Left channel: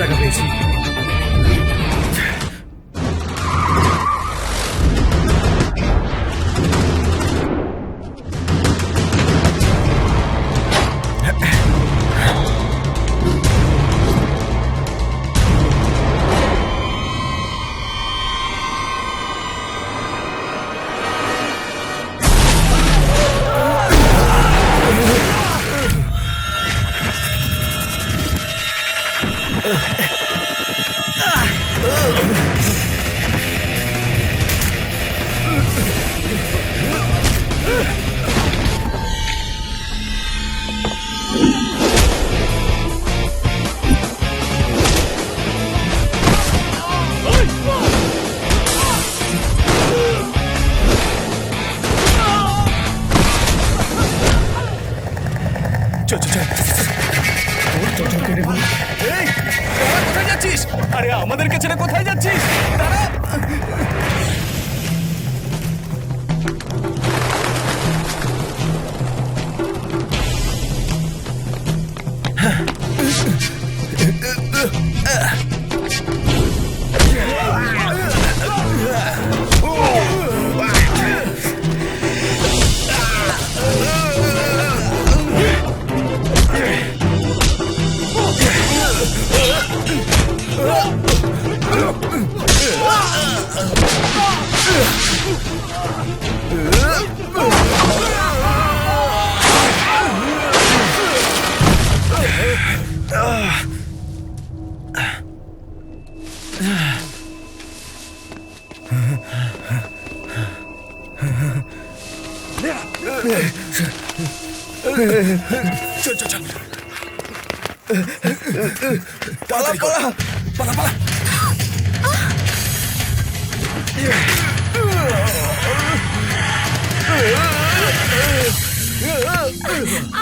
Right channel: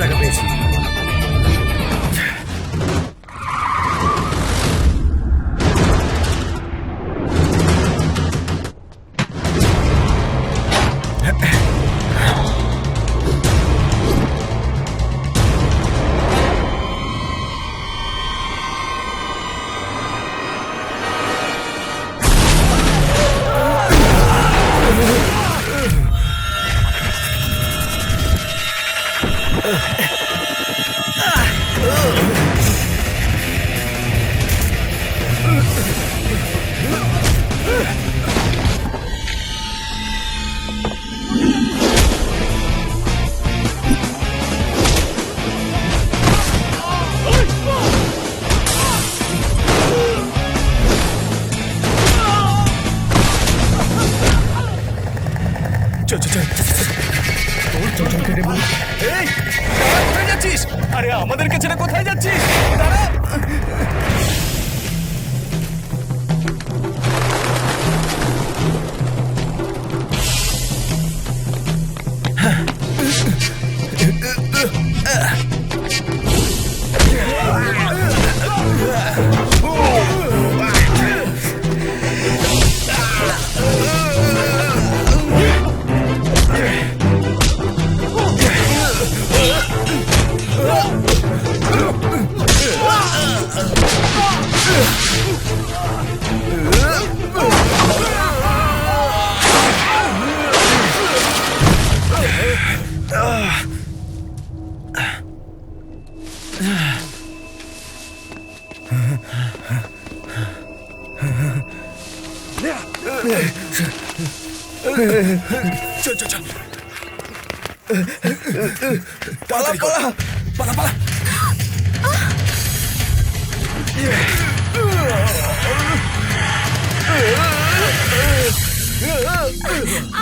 টাকা পেয়েছি। চল চল চল চল কেটে বলি। এই দাঁড়া, কোথায় যাচ্ছিস? আরে আমাদেরকে ছেড়ে কোথায় যাচ্ছিস? দাঁড়া। চল চল চল, পালা পালা পালা পালা।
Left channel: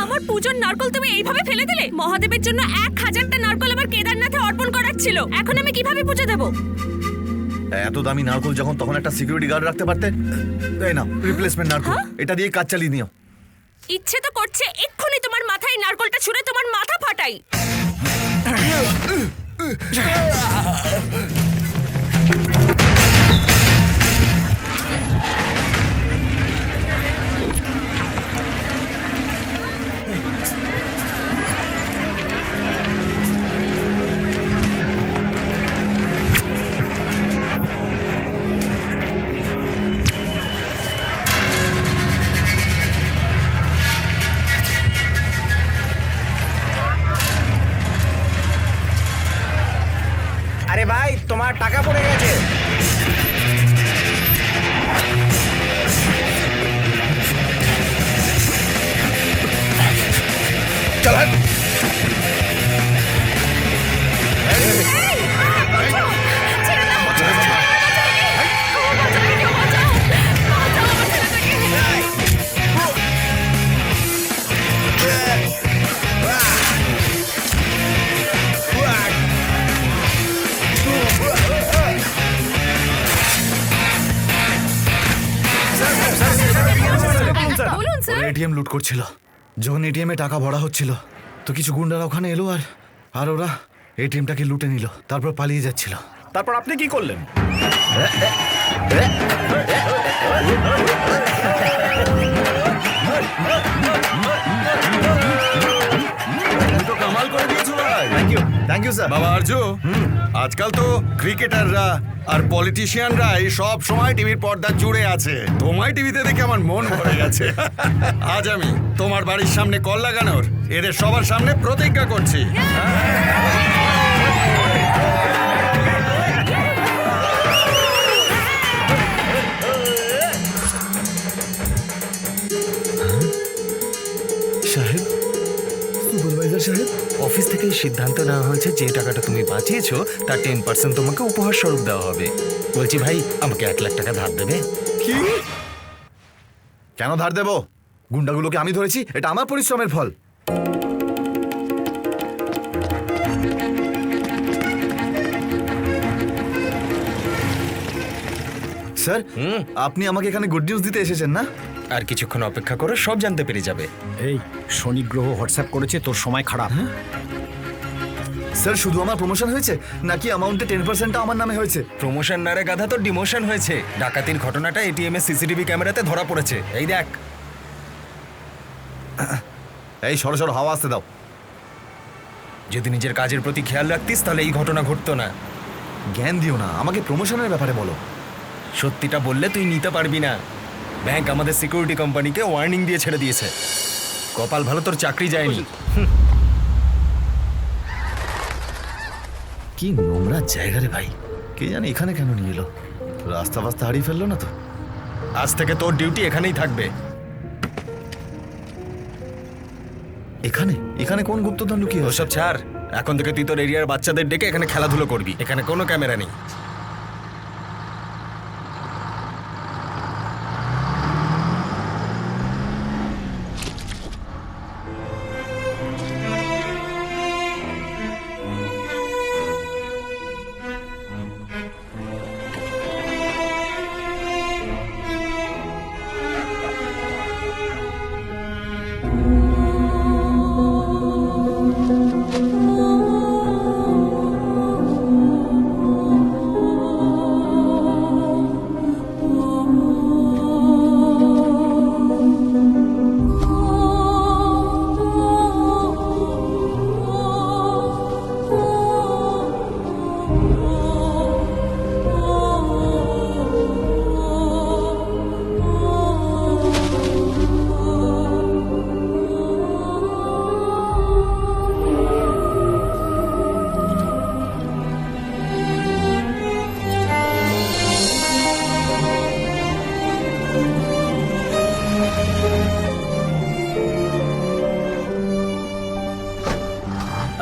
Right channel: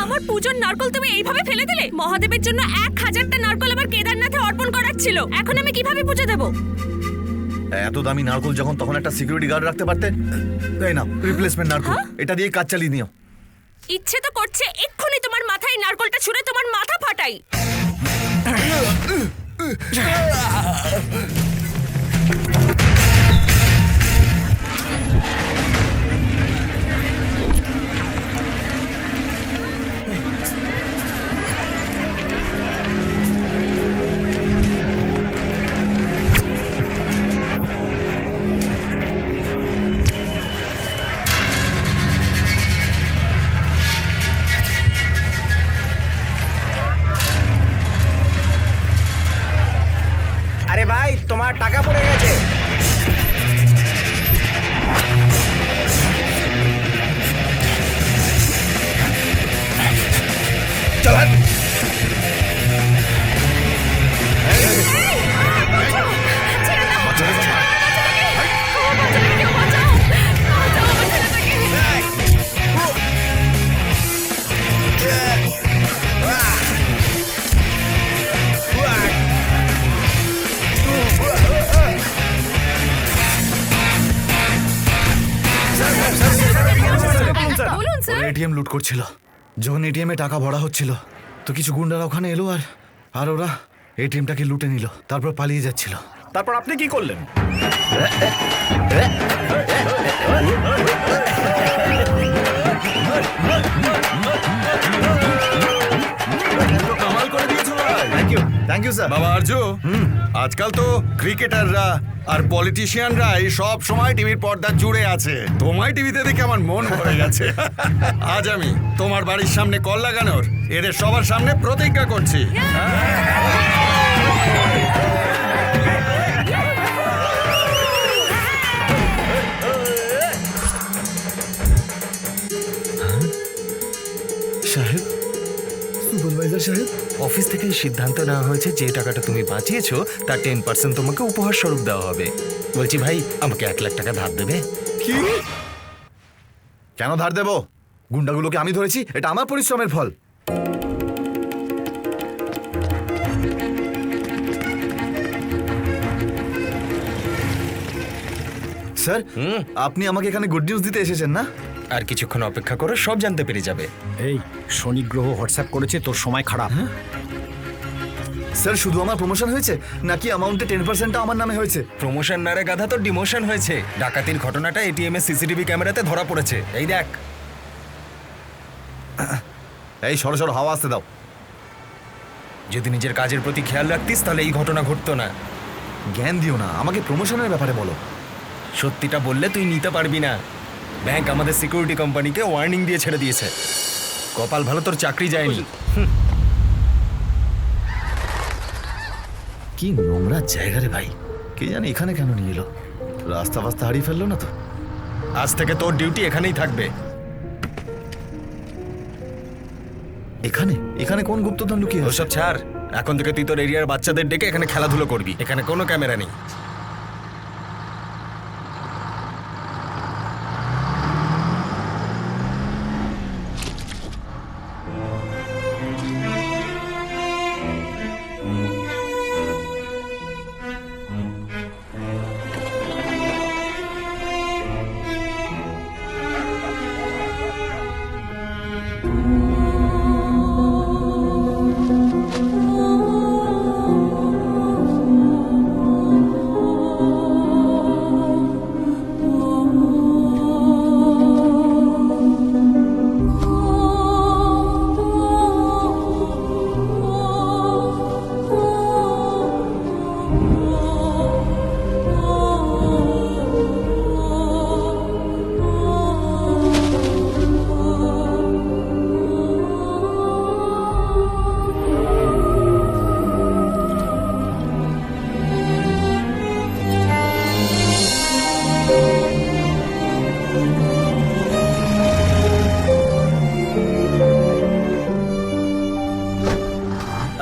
আমার পূজোর নারকল তুমি এইভাবে ফেলে দিলে? মহাদেবের জন্য 1000টা নারকল আমার কেদারনাথে অর্পণ করার ছিল, এখন আমি কিভাবে পুজো দেব? এত দামি নারকল যখন, তখন একটা সিকিউরিটি গার্ড রাখতে পারতে। তাই না, রিপ্লেসমেন্ট নারকল, এটা দিয়ে কাজ চালিয়ে নিও। ইচ্ছে তো করছে এক্ষুনি তোমার মাথায় নারকলটা ছুঁড়ে তোমার মাথা ফাটাই। আরে ভাই, তোমার টাকা পড়ে গেছে। চল হাট। এই, কি করছো? ছেড়ে দাও। বাচ্চাটাকে ছাড়। আমার বাচ্চাটাকে, আমার বাচ্চাটাকে কেউ বাঁচাও, বাঁচাও আমার ছেলেটাকে। এই, ও, ওয়া, ওয়া, বলুন স্যার। ওরা এটিএম লুট করছিল। যখন এটিএম এ টাকা ভরা হচ্ছিল, তো কিছু গুন্ডারা ওখানে এলো আর ওরা এটিএমটাকে লুটে নিল, তারপর পালিয়ে যাচ্ছিল। তারপর আপনি কি করলেন? তুমি তো কামাল করে দিয়েছো ভাই। Thank you sir. বাবা আরজু, আজকাল তো ক্রিকেটাররা আর পলিটিশিয়ানরাই সব সময় টিভির পর্দা জুড়ে আছে। তোমায় টিভিতে দেখে আমার মন ভরে গেছে। আজ আমি তোমার বাড়ির সামনে কল লাগানোর এদের সবার সামনে প্রতিজ্ঞা করছি। সাহেব, সুপারভাইজার সাহেব, অফিস থেকেই সিদ্ধান্ত নেওয়া হয়েছে যে টাকাটা তুমি বাঁচিয়েছো তার 10% তোমাকে উপহার স্বরূপ দেওয়া হবে। বলছি ভাই, আমাকে 1 লাখ টাকা ধার দেবে? কি? কেন ধার দেব? গুন্ডাগুলোকে আমি ধরেছি, এটা আমার পরিশ্রমের ফল। স্যার, আপনি আমাকে এখানে গুড নিউজ দিতে এসেছেন না? আর কিছুক্ষণ অপেক্ষা করো, সব জানতে পেরে যাবে। এই শনি গ্রহ হোয়াটসঅ্যাপ করেছে, তোর সময় খারাপ। স্যার শুধু আমার প্রমোশন হয়েছে নাকি অ্যামাউন্টে 10%টা আমার নামে হয়েছে? প্রমোশন না রে গাধা, তো ডিমোশন হয়েছে। ডাকাতির ঘটনাটা এটিএম এর সিসিটিভি ক্যামেরাতে ধরা পড়েছে। এই দেখ। এই সরো সরো, হাওয়া আসতে দাও। যদি নিজের কাজের প্রতি খেয়াল রাখতিস তাহলে এই ঘটনা ঘটতো না। জ্ঞান দিও না, আমাকে প্রমোশনের ব্যাপারে বলো। সত্যিটা বললে তুই নিতে পারবি না। ব্যাংক আমাদের সিকিউরিটি কোম্পানিকে ওয়ার্নিং দিয়ে ছেড়ে দিয়েছে। কপাল ভালো তোর চাকরি যায়নি। কি নোংরা জায়গা রে ভাই, কে জানে এখানে কেন নিয়ে এলো। রাস্তা ফাস্তা হারিয়ে ফেললো না তো? আজ থেকে তোর ডিউটি এখানেই থাকবে। এখানে এখানে কোন গুপ্তধন লুকিয়ে আছে? ওসব ছাড়, এখন থেকে তুই তোর এরিয়ার বাচ্চাদের ডেকে এখানে খেলাধুলো করবি। এখানে কোনো ক্যামেরা নেই।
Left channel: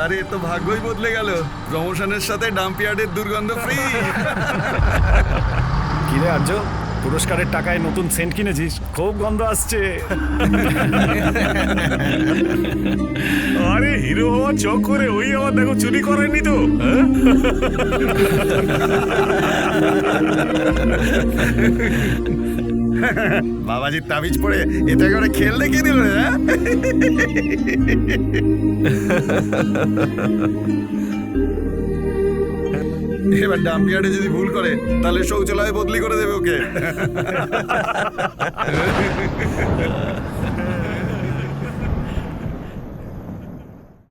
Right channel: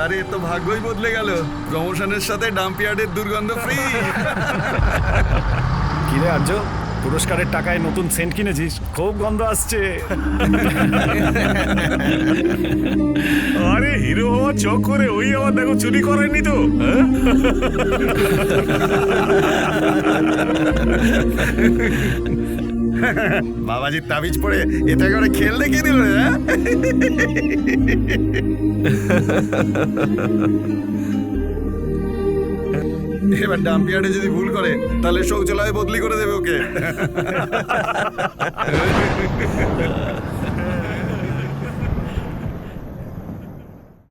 আরে এ তো ভাগ্যই বদলে গেল, প্রমোশনের সাথে ডাম্পিয়ার্ডের দুর্গন্ধ ফ্রি। কিরে আর্য, পুরস্কারের টাকায় নতুন সেন্ট কিনেছিস? খুব গন্ধ আসছে। আরে হিরো হওয়া চক করে ওই আমার দেখো চুরি করেনি তো, হ্যাঁ? বাবাজির তাবিজ পড়ে এতে করে খেল দেখিয়ে দিল রে, হ্যাঁ? এবার ডাম্পিয়ার্ডে যদি ভুল করে তাহলে শৌচালয় বদলি করে দেবে ওকে।